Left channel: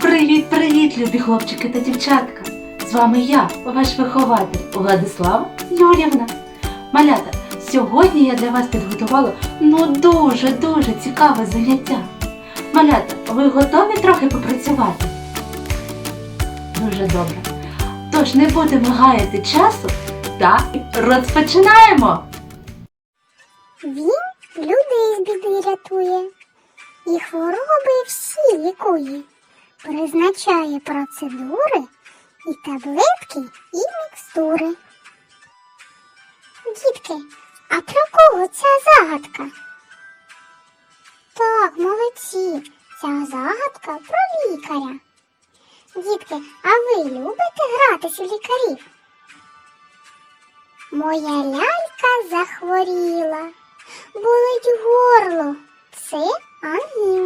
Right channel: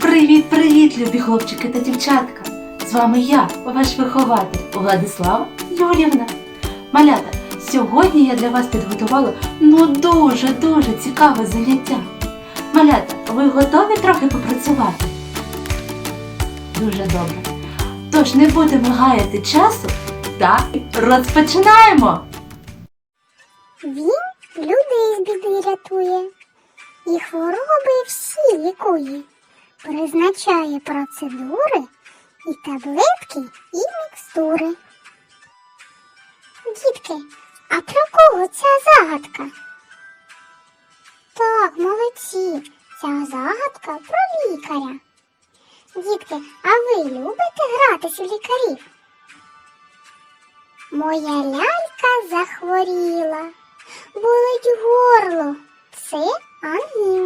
Привіт-привіт, любі хлопчики та дівчатка! З вами я, ваш вихователь Владислава Юрівна. Малята, сьогодні я для вас підготувала ну дуже-дуже цікаве заняття. Малята, ви готові трохи попрацювати? Дуже добре. Тож не будемо гаяти часу та розпочинаємо! Він людей з біди рятує, і хвороби всі лікує, призначає процедури і таблетки, і мікстури. Дітки, а про кого ця загадка? Так, молодці, ця загадка про лікаря. Дітки, а ви любите гратись у лікарів? Моя лялька захворіла, болить горло, це ангіна.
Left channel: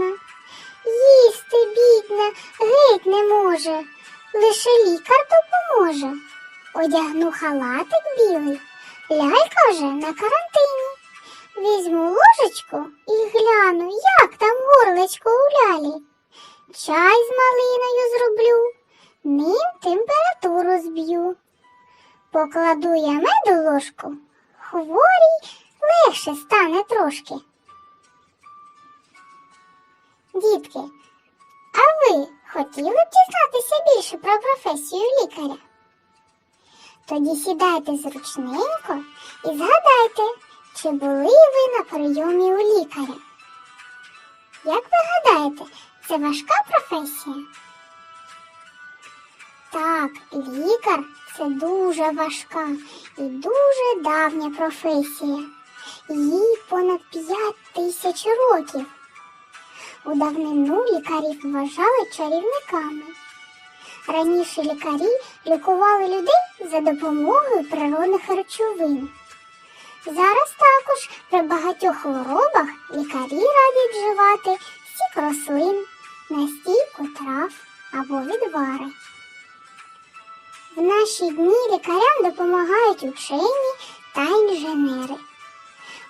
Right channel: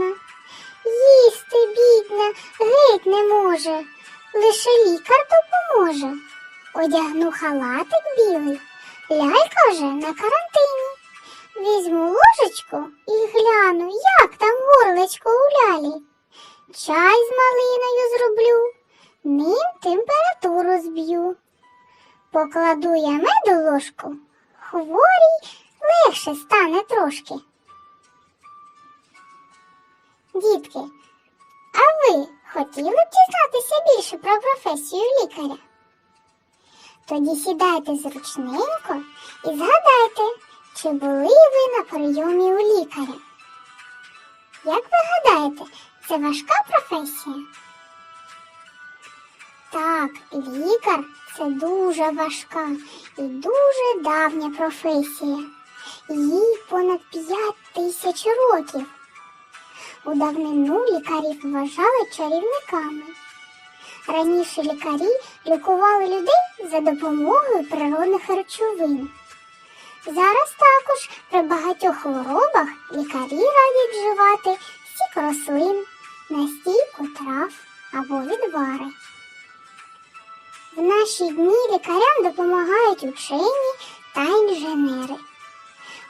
Геть не може, лише лікар допоможе. Одягну халатик білий, лялька вже на карантині. Візьму ложечку і гляну, як там горлечко у лялі. Чай з малиною зроблю, ним температуру зб'ю. Покладу я меду ложку, хворій легше стане трошки. Дітки, а ви хотіли б дізнатися більше про професію лікаря? Тоді сідайте зручненько і згадайте, чи були ви на прийомі у лікаря. Як ви гадаєте, це важка професія? Так, лікар це дуже важка і дуже давня професія. Їй понад п'ять тисяч років. У давнину лікарів вважали чарівниками. Раніше лікарі лікували людей за допомогою природних речовин. Зараз також при багатьох хворобах лікарі радять вживати сік рослин, настійку трав або відвари. В наші дні лікарям допомагають учені та інженери.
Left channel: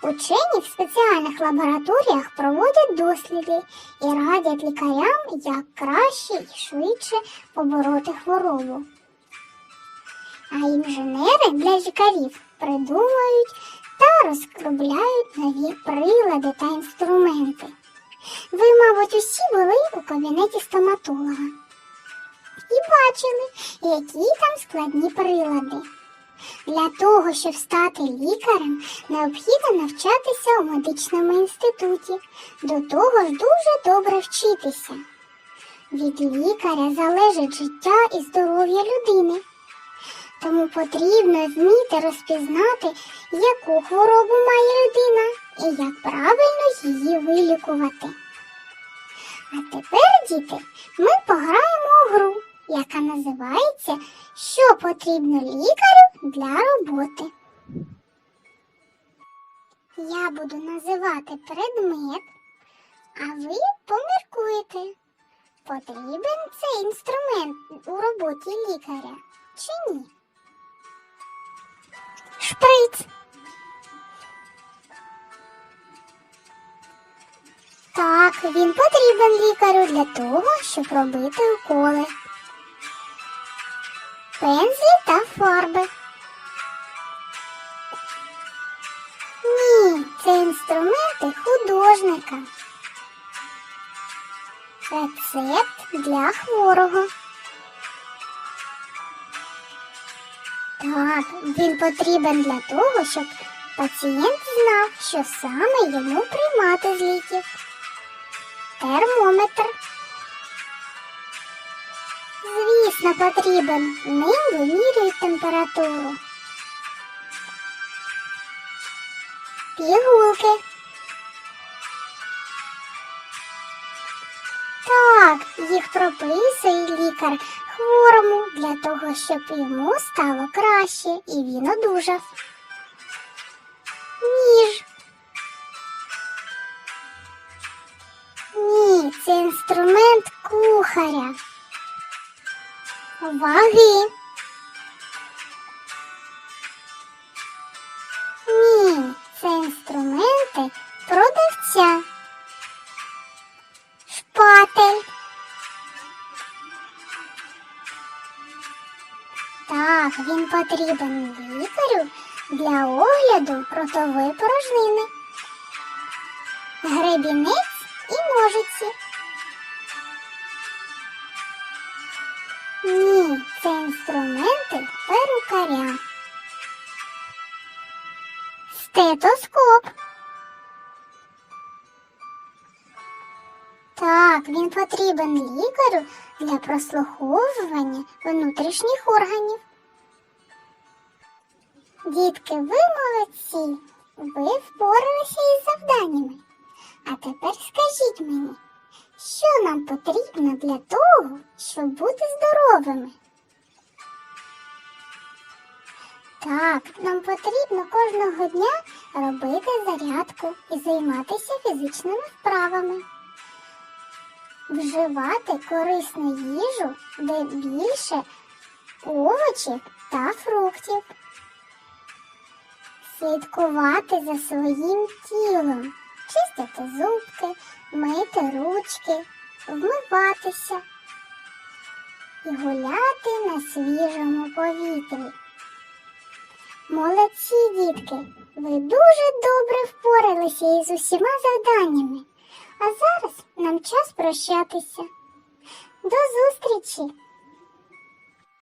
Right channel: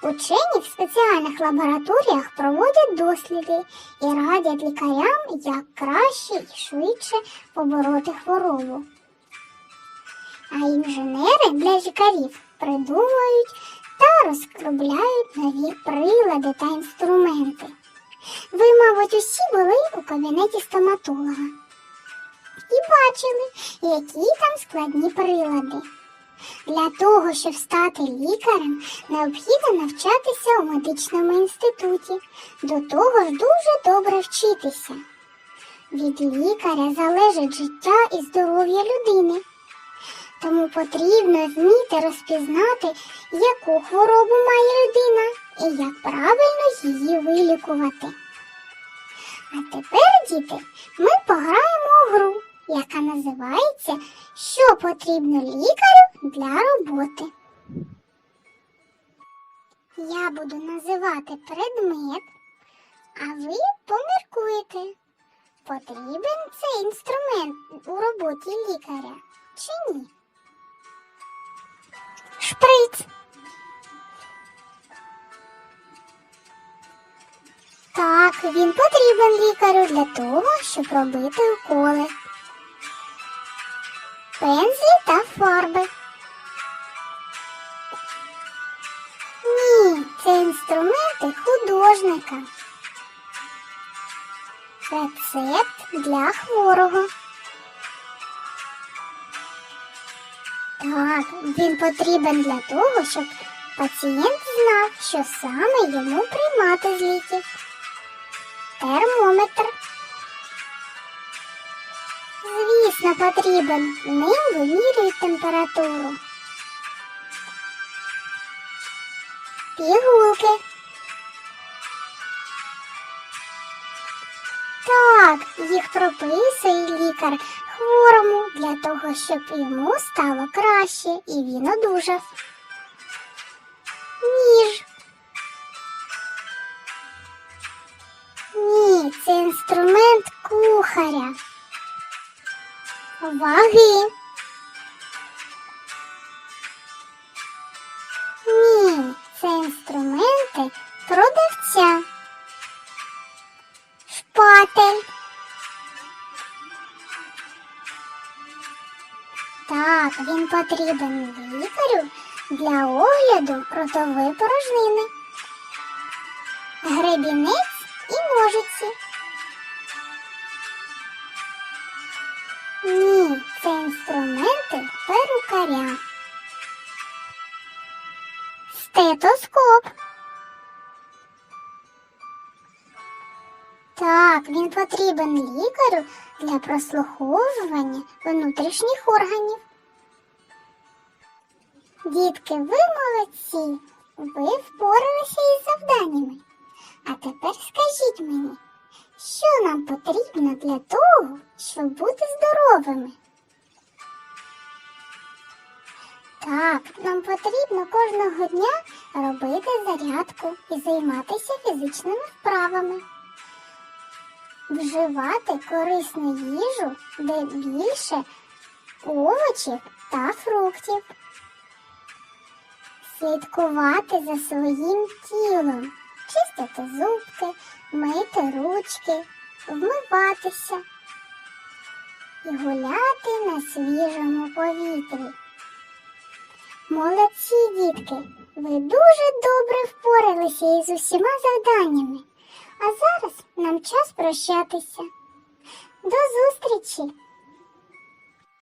Учені в спеціальних лабораторіях проводять досліди і радять лікарям, як краще і швидше побороти хворобу. А інженери для лікарів придумують та розробляють нові прилади та інструменти. Ви, мабуть, усі були у кабінеті стоматолога і бачили, які там складні прилади. Для того, щоб стати лікарем, необхідно навчатися у медичному інституті. До того ж дуже добре вчитися. Від лікаря залежить життя і здоров'я людини. Тому потрібно вміти розпізнати, яку хворобу має людина і як правильно її вилікувати. А тепер, діти, ми пограємо у гру, яка називається Що потрібно лікарю для роботи. Я буду називати предмет, а ви поміркуєте, потрібен цей інструмент у роботі лікаря чи ні. Шприц. Так, він потрібен лікарю для того, щоб робити уколи. Пензлі та фарби. Це інструменти художника. Рецепт для хворого. Так, він потрібен для того, щоб пацієнт знав, що саме йому приймати з. Термометр. Звісно, потрібен. Ним вимірюють температуру. Пігулки. Так, їх прописує лікар хворому для того, щоб йому стало краще і він одужав. Ніж. Ні, це інструмент кухаря. Ваги. Потрібен лікарю для огляду ротової порожнини, гребінець і ножиці. Ні, це інструменти перукаря. Стетоскоп. Так, він потрібен лікарю для прослуховування внутрішніх органів. Дітки, ви молодці. Ви впоралися із завданнями. А тепер скажіть мені, що нам потрібно для того, щоб бути здоровими? Так, нам потрібно кожного дня робити зарядку і займатися фізичними вправами. Вживати корисну їжу, де більше овочів та фруктів. Слідкувати за своїм тілом, чистити зубки, мити ручки, вмиватися і гуляти на свіжому повітрі. Молодці, дітки, ви дуже добре впоралися із усіма завданнями. А зараз нам час прощатися. До зустрічі!